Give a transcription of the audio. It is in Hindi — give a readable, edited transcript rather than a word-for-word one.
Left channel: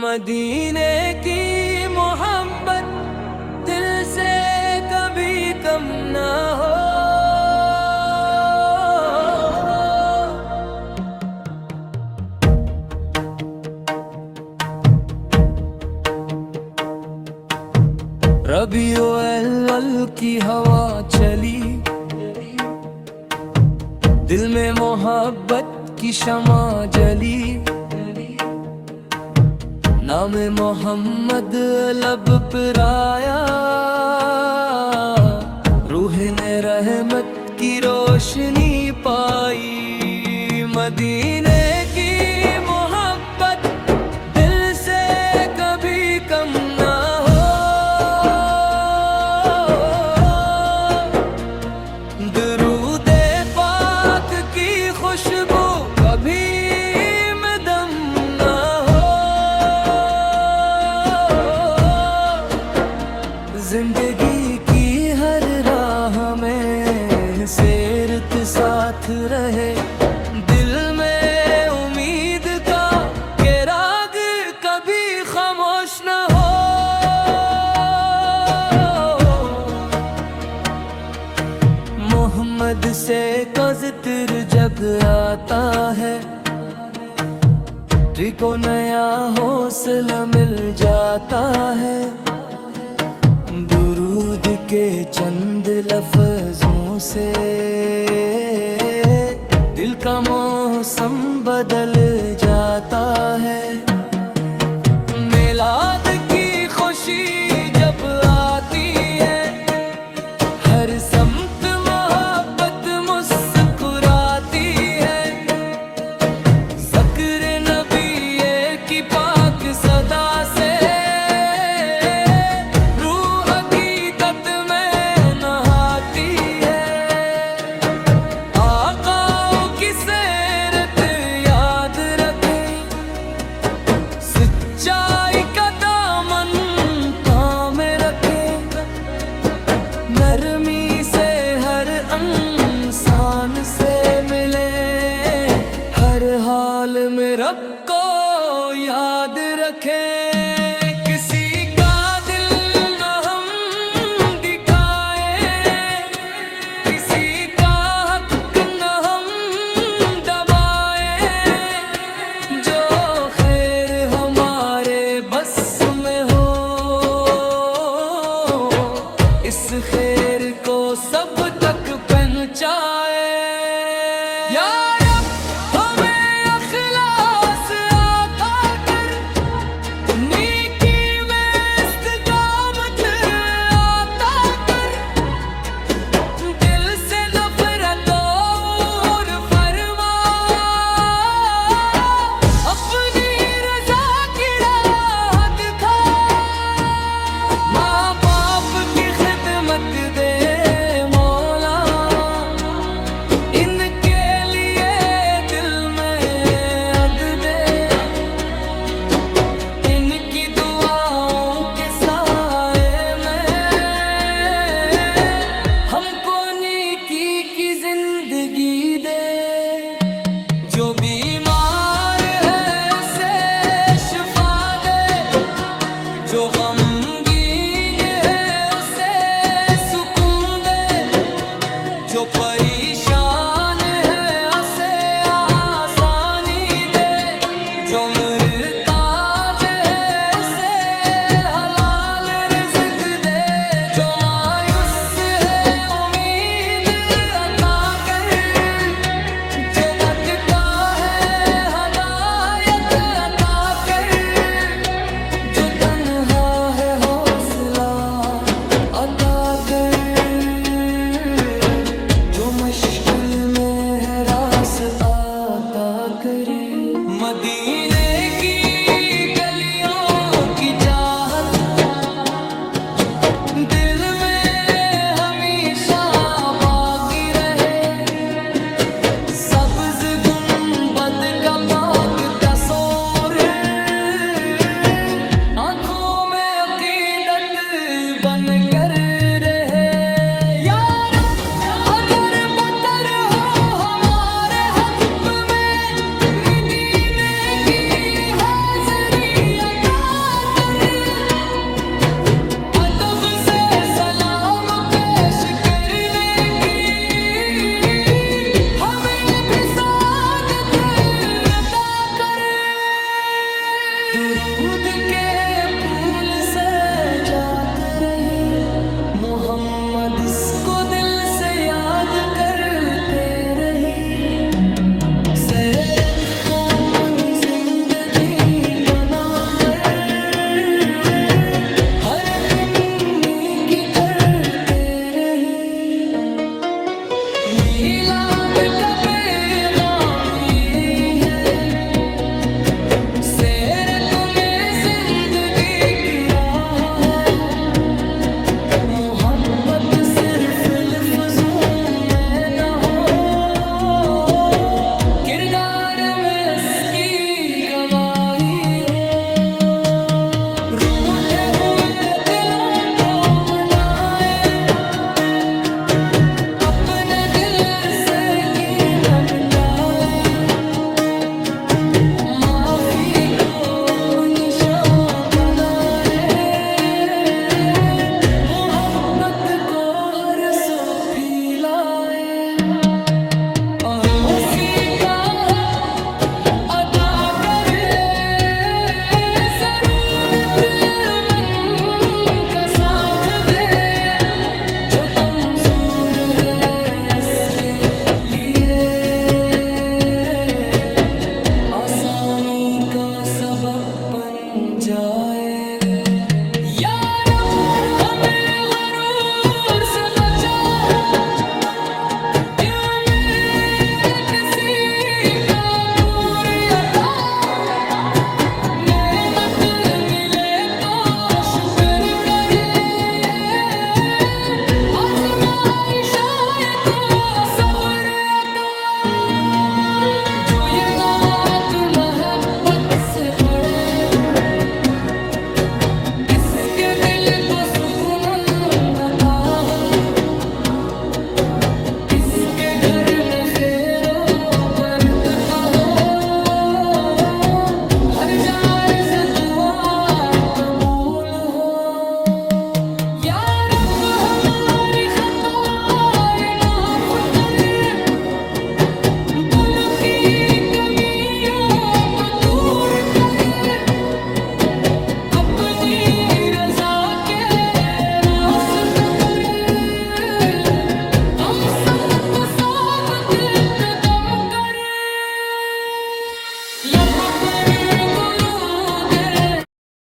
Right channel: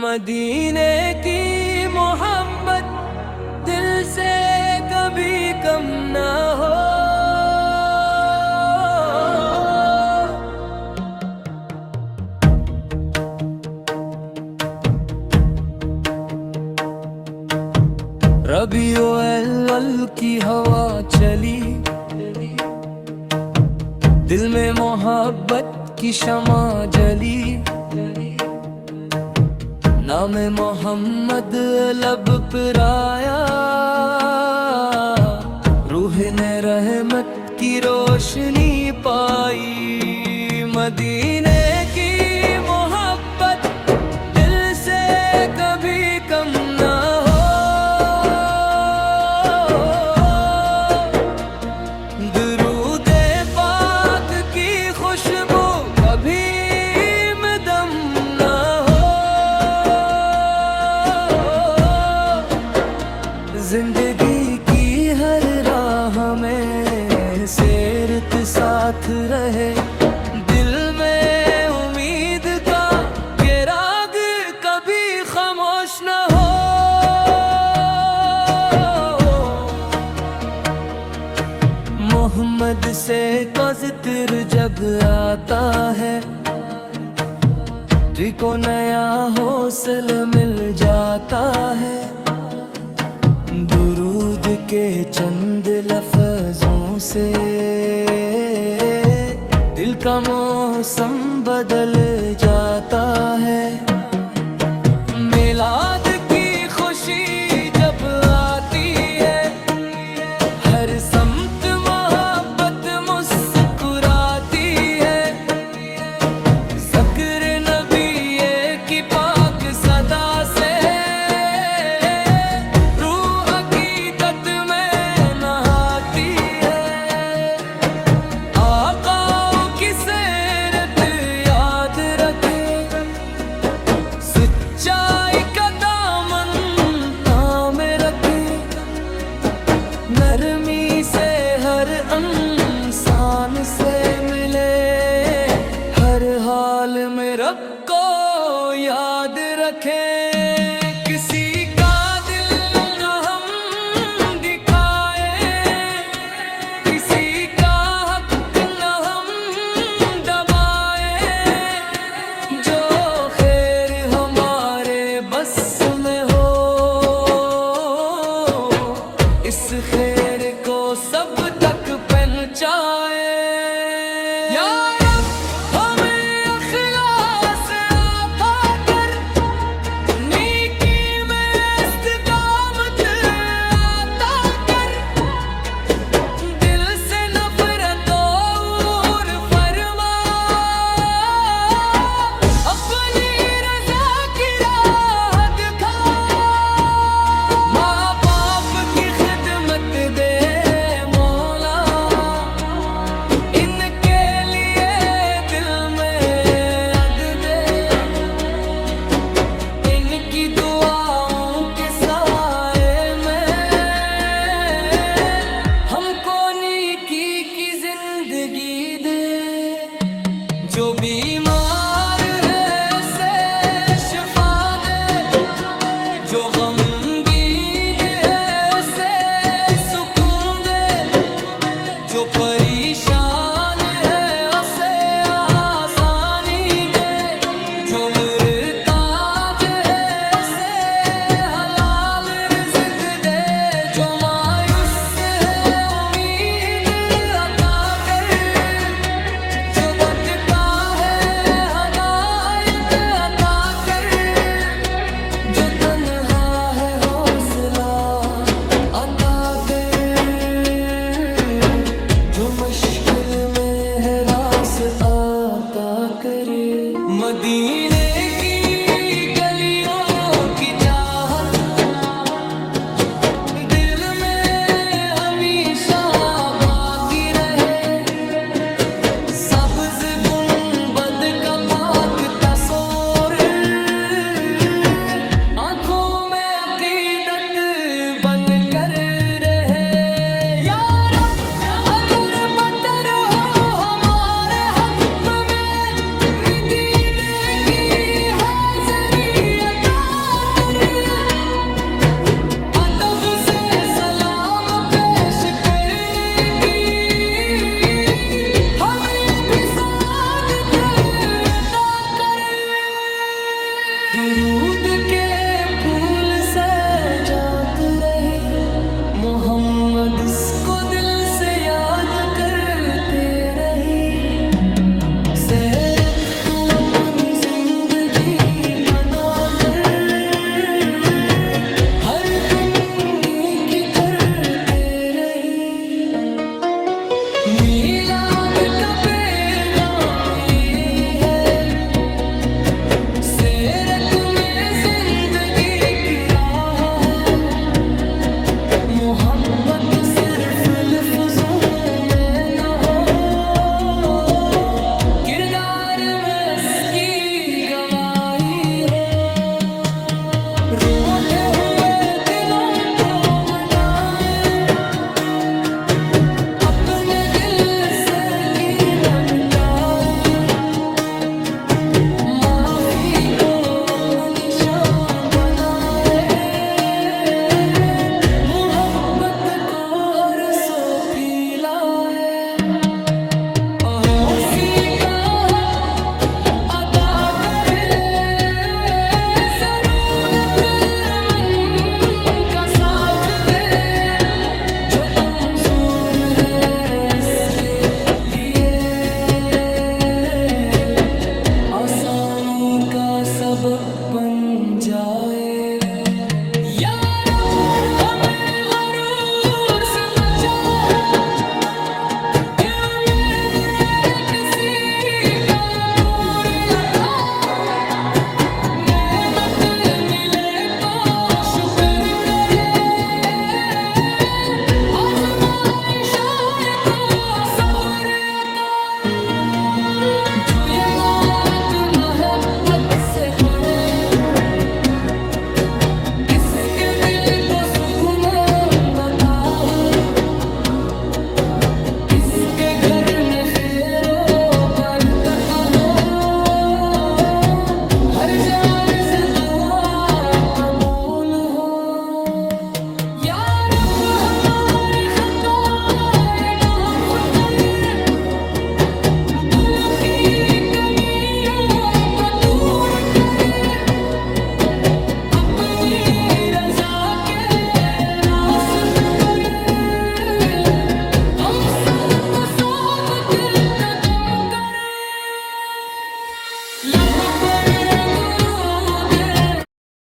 मदीने की मोहब्बत दिल से कभी कम ना हो। रबीउल अव्वल की हवा चली, दिल में मोहब्बत की शमा जली। नाम मोहम्मद लब पर आया, रूह ने रहमत की रोशनी पाई। मदीने की मोहब्बत दिल से कभी कम ना हो। दुरूदे पाक की खुशबू कभी में दम ना हो। जिंदगी की हर राह में सेरत साथ रहे, दिल में उम्मीद का चिराग कभी खामोश न हो। मोहम्मद से का जिक्र जब आता है, दिल को नया हौसला मिल जाता है। दुरूद के चंद लफ्जों से दिल का मौसम बदल जाता है। मिलाद की खुशी जब आती है, हर समत मोहब्बत मुस्कुराती है। ज़िक्र नबी की पाक सदा से सच्चाई का दामन थामे रखे। नरमी से हर इंसान से मिले, हर हाल में रब को याद रखे। किसी का दिल न हम दिखाए, किसी का हक न हम दबाए। जो खैर हमारे बस में हो, इस खैर को सब तक पहुंचाए। या रब हमें इखलास अता कर, नेकी में इस्तिकामत अता कर। दिल से नफरत दूर फरमा, अपनी रजा की राह दिखा। माँ बाप की खिदमत दे मौला, इनके लिए दिल में अदब दे। इनकी दुआओं के साए में हमको नेकी की जिंदगी दे। जो बीमार है उसे शिफा दे, जो गमगीन है उसे सुकून दे। जो परेशान है उसे आसानी दे, जो मुहताज है उसे हलाल रिज़्क दे। जो मायूस है उम्मीद अता कर, जो भटका है हदायत अता कर। जो तन्हा है हौसला अता कर, जो मुश्किल में है रास आता करे। मदीने की गलियों की चाहत दिल में हमेशा बाकी रहे। सब्ज़ गुंबद का पाक तस्वीर आँखों में अकीदत बन कर रहे। या रब अगर बदर हो हमारे हक़ में, मदीने की हाज़िरी अता दुरूद के फूल से जात रहे, मोहम्मद को दिल से याद करते रहे। सीरत को अपनी जिंदगी बनाकर हर दुन्नी की करते रहे। मीलाद का पैगाम यही है, सीरत में जिंदगी की राह है। मोहब्बत सिर्फ लफ्जों में न हो, किरदार में इसकी गवाही हो। रोते हुए दिलों को मनाए, अपने दिल से कीना मिटाए। माफी को अपनी शाम बनाए, मोहब्बत को हर सो फैलाए। अड़ोसी का हक अदा करे, जरूरतमंद का साथ दे। जो कमजोर है इसके लिए आसानी का सबब बन जाए। या रब हमें गरूर से बचा, किसी का नूर अता। नेमत मिले तो शुक्र करे, आज़माइश आए तो सब्र अता। जो ये नात मोहब्बत से पढ़े, इसके दिल को सुकून अता हो। के घर में खैरो बरकत हो, हर जाए